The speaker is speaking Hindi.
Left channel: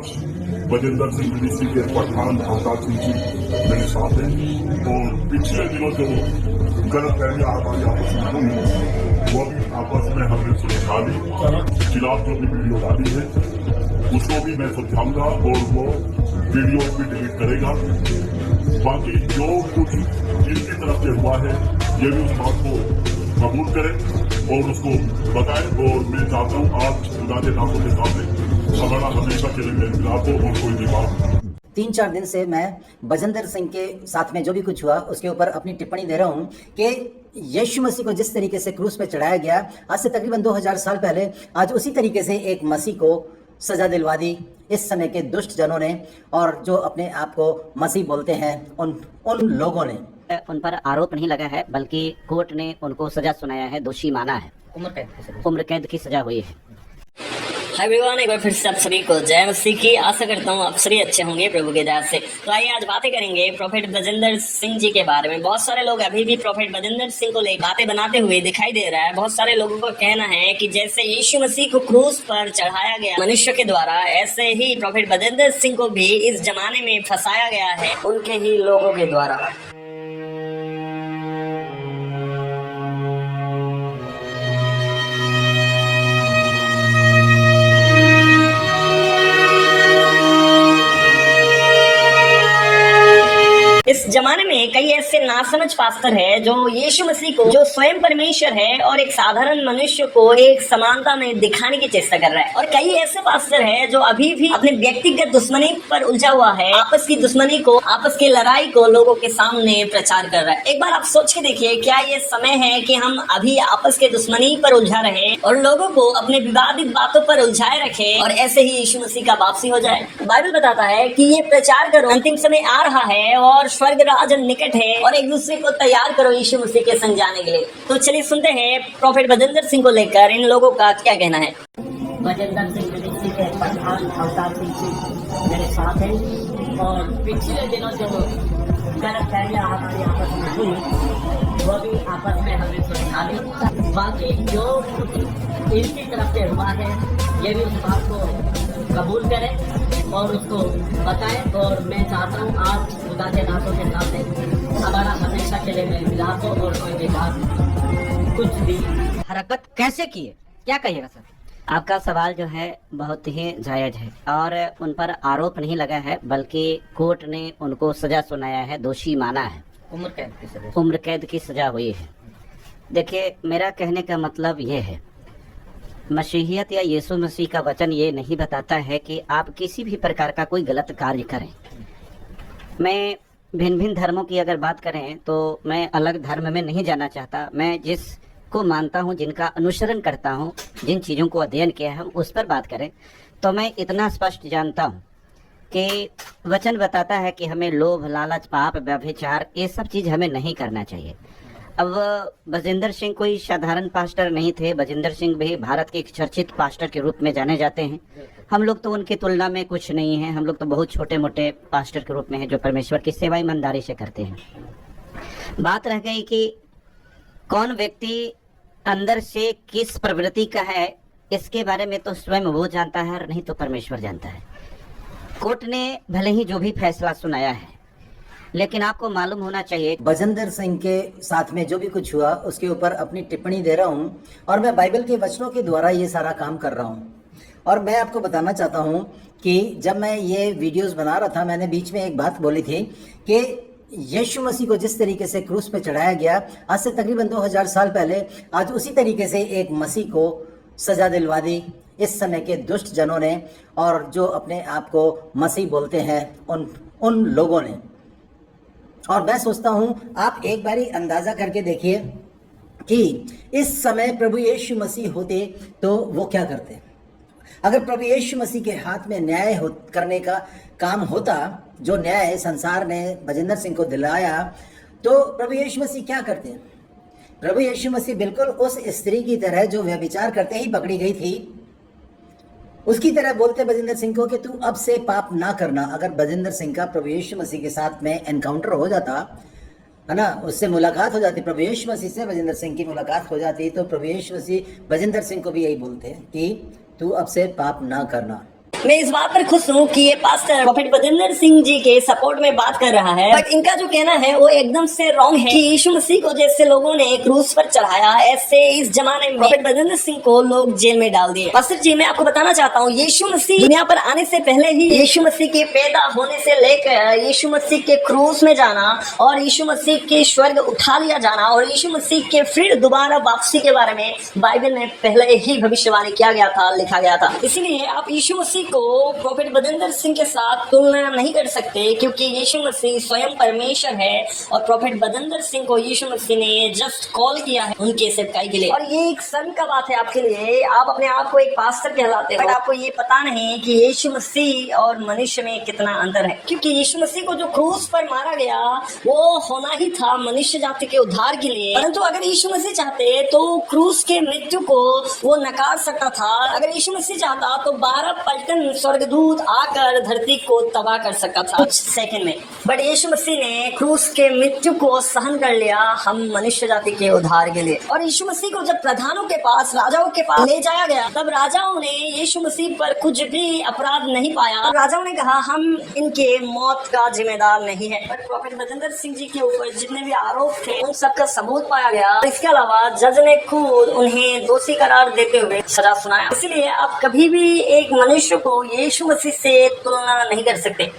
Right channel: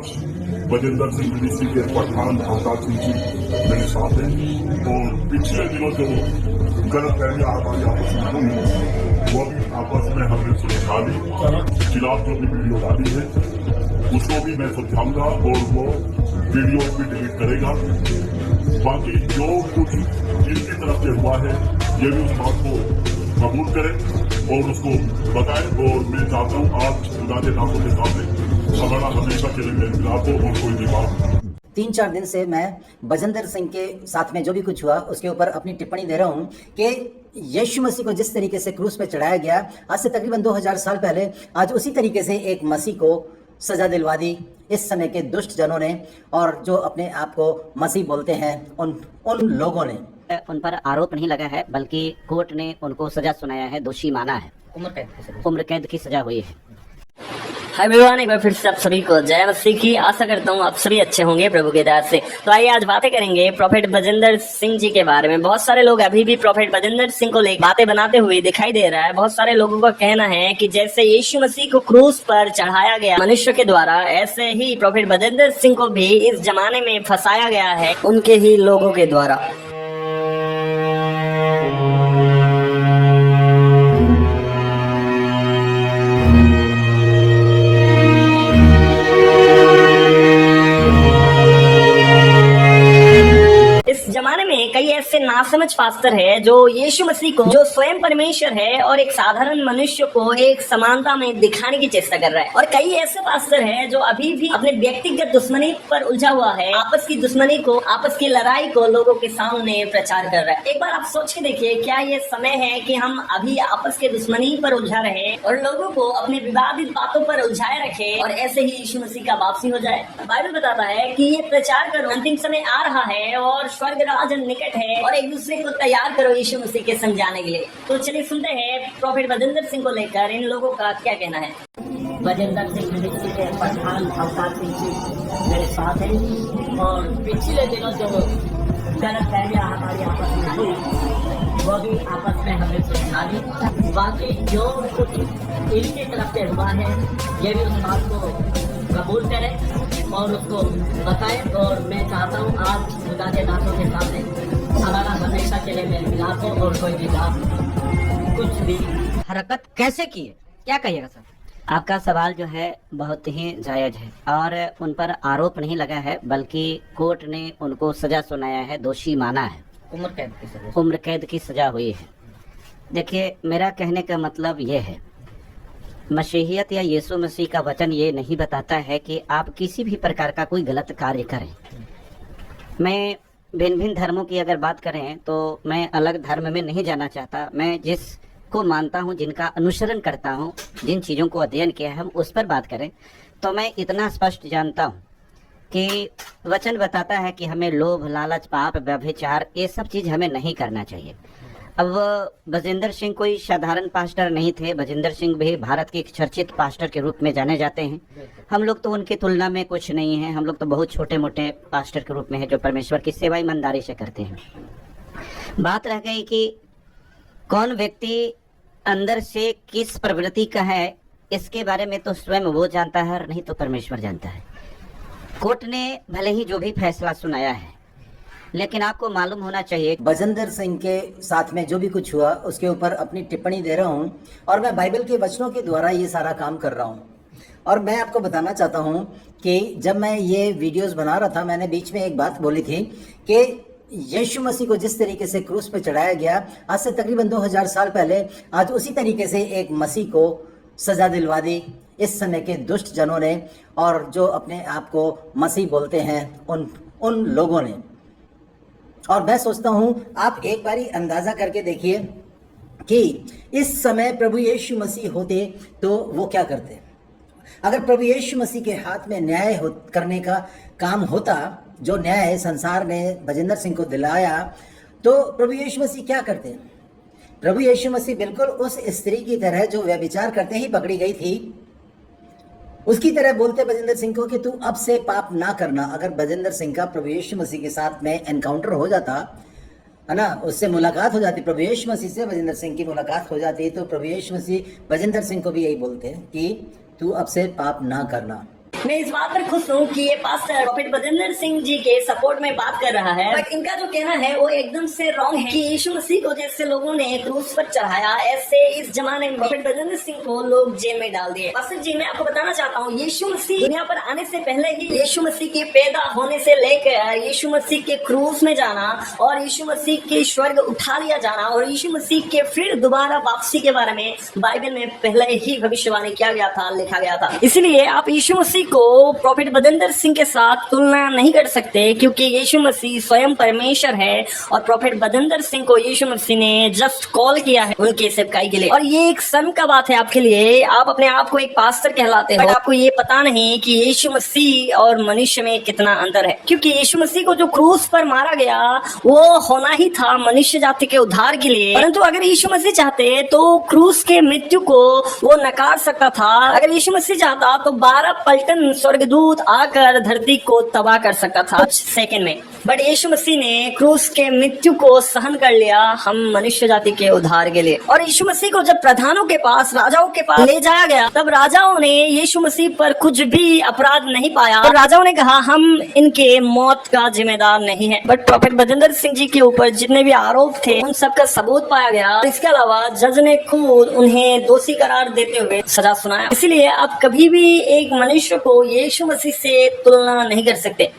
बजिंदर सिंह डीसी के पठान अवतार सिंह जी मेरे साथ हैं और पिछले दिनों जो गलत फहमियां हमारी आपस में हुई वो भी आपस में हमने सुलझा ली। खिलाफ जो भी वीडियो डाली है उसको भी मैं सुलझाऊंगा और वो वीडियो भी डिलीट करेगा। बाकी जो कुछ इनकी तरफ से हुआ है ये भी उस बात को कबूल करें और उसको बताएं। और मैं चाहता हूँ आज खुदा के नामों के सामने खबरा हमेशा के लिए को और कोई भी बात 3-4 दिन से मैं बजिंदर सिंह के साथ में जो भी कुछ हुआ उसके ऊपर अपनी टिप्पणी दे रहा हूं कि यीशु मसीह को जिस तरीके से क्रूस पे चढ़ाया गया आज से तकरीबन 2000 साल पहले, आज उसी तरीके से एक मसीह को सजा दिलवा दी इस समय के दुष्ट जनों ने और जो अपने आप को मसीह बोलते हैं उन लोगों ने। उन पर आरोप नहीं लगा है बल्कि कोर्ट ने उनको सजा सुनाया है, दोषी माना है। उम्र कैद की सजा हुई है। हाय एवरीवन, एक बार फिर से आप सभी को जय मसीह की। आशा करता हूँ आप सभी अच्छे होंगे प्रभु की दया से। तो आइए आज बातें करेंगे प्रोफेट बजिंदर सिंह जी के बारे में। बहुत सारे लोग अभी भी प्रोफेट बजिंदर सिंह को लेकर बातें बनाते हुए दिखाई दे रहा है। बहुत सारे लोगों का कहना है कि जैसे यीशु मसीह को क्रूस पर चढ़ाया गया मनुष्य के द्वारा, ऐसे ही प्रोफेट बजिंदर सिंह को भी इस जमाने में फंसाया गया है उनके ही लोगों के द्वारा। इस जमाने में कई ऐसे नासमझ पास्टर है जो यीशु मसीह को, जो स्वयं परमेश्वर है और एक साधारण मनुष्य को एक समानता में दिखाने की चेष्टा कर रहा है। और कई ऐसे पास्टर है जो अभी भी अपने व्यक्तिगत दुश्मनी पर उलझा हुआ है, आपस की दुश्मनी को, आपस की लड़ाई को लोगों के सामने प्रचार कर रहा है। एक बार आप सोच के देखिए, क्या ये समय है कि हम अभी आपस के दुश्मनी पर उलझा रहे और लोगों को अपने विवादित बातों पर उलझाए रखे और ऐसे ही यीशु मसीह का वापसी हो जाए? बाइबल बताता है कि ये प्रचार करो, अंतिम समय आ रहा है और स्वर्ग राज निकट है और एक दूसरे को तैयार करो यीशु मसीह के संग जाने के लिए। तो चलिए सुनते हैं प्रोफेट बजिंदर सिंह को लेकर इन लोगों का क्या कहना है। बजिंदर सिंह डीसी के पठान अवतार सिंह जी मेरे साथ हैं और पिछले दिनों जो गलत फहमियां हमारी आपस में हुई वो भी आपस में हमने सुलझा ली। बाकी जो कुछ इनकी तरफ से हुआ है ये भी उस बात को कबूल करें और उसको बताएं। और मैं चाहता हूँ आज खुदा के नामों के सामने हमारा हमेशा के लिए मिलाप हो और कोई भी बात कुछ भी हरकत कैसे की है, क्या कहिएगा सर? आपका सवाल जो है बहुत ही जायज है और उन पर आरोप नहीं लगा है बल्कि कोर्ट ने उनको सजा सुनाया है, दोषी माना है। उम्र कैद की सजा हुई है। देखिए, मेरा कहने का मतलब ये है, मसीहियत या यीशु मसीह का वचन ये नहीं बताता है कि आप किसी भी प्रकार का कोई गलत कार्य करें। मैं भिन्न भिन्न धर्मों की अगर बात करें तो मैं अलग धर्म में नहीं जाना चाहता। मैं जिसको मानता हूँ, जिनका अनुसरण करता हूँ, जिन चीज़ों को अध्ययन किया है, हम उस पर बात करें तो मैं इतना स्पष्ट जानता हूँ कि वचन बताता है कि हमें लोभ, लालच, पाप, व्यभिचार, ये सब चीज़ हमें नहीं करना चाहिए। अब बजिंदर सिंह कोई साधारण पास्टर नहीं थे। बजिंदर सिंह भी भारत के एक चर्चित पास्टर के रूप में जाने जाते हैं। हम लोग तो उनकी तुलना में कुछ नहीं है। हम लोग तो बहुत छोटे मोटे पास्टर के रूप में है जो परमेश्वर की सेवा ईमानदारी से करते हैं। बात रह गई कि कौन व्यक्ति अंदर से किस प्रवृत्ति का है, इसके बारे में तो स्वयं वो जानता है और नहीं तो परमेश्वर जानता है। कोर्ट ने भले ही जो भी फैसला सुनाया है, लेकिन आपको मालूम होना चाहिए बजिंदर सिंह के साथ में जो भी कुछ हुआ उसके ऊपर अपनी टिप्पणी दे रहा हूं और मैं बाइबल के वचनों के द्वारा ये सारा काम कर रहा हूं। और मैं आपको बताना चाहता हूं कि जब मैं ये वीडियोस बना रहा था, मैंने बीच में एक बात बोली थी कि यीशु मसीह को जिस तरीके से क्रूस पे चढ़ाया गया आज से तकरीबन 2000 साल पहले, आज उसी तरीके से एक मसीह को सजा दिलवा दी इस समय के दुष्ट जनों ने और जो अपने आप को मसीह बोलते हैं उन लोगों ने। और मैं सोचता हूं आप एक बारी अंदाजा करके देखिए कि इस समय प्रभु यीशु मसीह होते तो वो क्या करते। अगर प्रभु यीशु मसीह के हाथ में न्याय करने का काम होता, जो न्याय संसार ने बजिंदर सिंह को दिलाया, तो प्रभु यीशु मसीह क्या करते? प्रभु यीशु मसीह बिल्कुल उस स्त्री की तरह जो व्यभिचार करते ही पकड़ी गई थी, उसकी तरह बोलते बजिंदर सिंह को कि तू अब से पाप ना करना। अगर बजिंदर सिंह का प्रभु यीशु मसीह के साथ में एनकाउंटर हो जाता है ना, उससे मुलाकात हो जाती, प्रभु यीशु मसीह से बजिंदर सिंह की मुलाकात हो जाती, तो प्रभु यीशु मसीह बजिंदर सिंह को भी यही बोलते हैं कि तू अब से पाप ना करना। मैं इस बात पर खुश हूँ कि ये पास्टर प्रॉफेट बजिंदर सिंह जी के सपोर्ट में बात कर रहा है, बट इनका जो कहना है वो एकदम से रॉन्ग है कि यीशु मसीह को जैसे लोगों ने क्रूस पर चढ़ाया, ऐसे इस जमाने में प्रॉफेट बजिंदर सिंह को लोग जेल में डाल दिए। पास्टर जी, मैं आपको बताना चाहता हूँ, यीशु मसीह दुनिया पर आने से पहले ही यीशु मसीह के पैदा होने से लेकर यीशु मसीह के क्रूस में जाना और यीशु मसीह के स्वर्ग उठा लिया जाना और यीशु मसीह के फिर दोबारा वापसी के बारे में बाइबल में पहले ही भविष्यवाणी किया गया था, लिखा गया था। इसलिए आप यीशु मसीह को प्रॉफेट बजिंदर सिंह के साथ तुलना नहीं कर सकते, क्योंकि यीशु मसीह स्वयं परमेश्वर है और प्रॉफेट बजिंदर सिंह को यीशु मसीह ने जस्ट कॉल किया है उनके सेवकाई के लिए। और ये एक शर्म का बात है आपके लिए, आप अपने आप को एक पास्टर कहलाते हो, बट आपको ये पता नहीं कि यीशु मसीह और मनुष्य में कितना अंतर है। क्योंकि यीशु मसीह को जो क्रूस पर मारा गया वो होना ही था मनुष्य जाति के उद्धार के लिए, परंतु अगर यीशु मसीह चाहते तो क्रूस के मृत्यु को वो नकार सकता था। अगर यीशु मसीह चाहता तो 12 पलटन स्वर्गदूत आकर धरती को तबाह कर सकता था कुछ सेकंड में, बट यीशु मसीह ने क्रूस के मृत्यु को सहन कर लिया हम मनुष्य जाति के उद्धार के लिए। और यीशु मसीह को जब प्रधानों के पास, राजाओं के पास ले जाया गया, तब राजाओं ने यीशु मसीह पर कुछ भी अपराध नहीं पाया और राजाओं ने कहा हम इनके मौत का जिम्मेदार नहीं है। बट प्रॉफेट बजिंदर सिंह जी के ऊपर जितने भी आरोप थे उन सब का सबूत पाया गया। इसके अलावा जज ने खुद उन्हें दोषी करार देते हुए सजा सुनाया। इसलिए आप कभी भी एक मनुष्य को यीशु मसीह से तुलना नहीं कर सकते।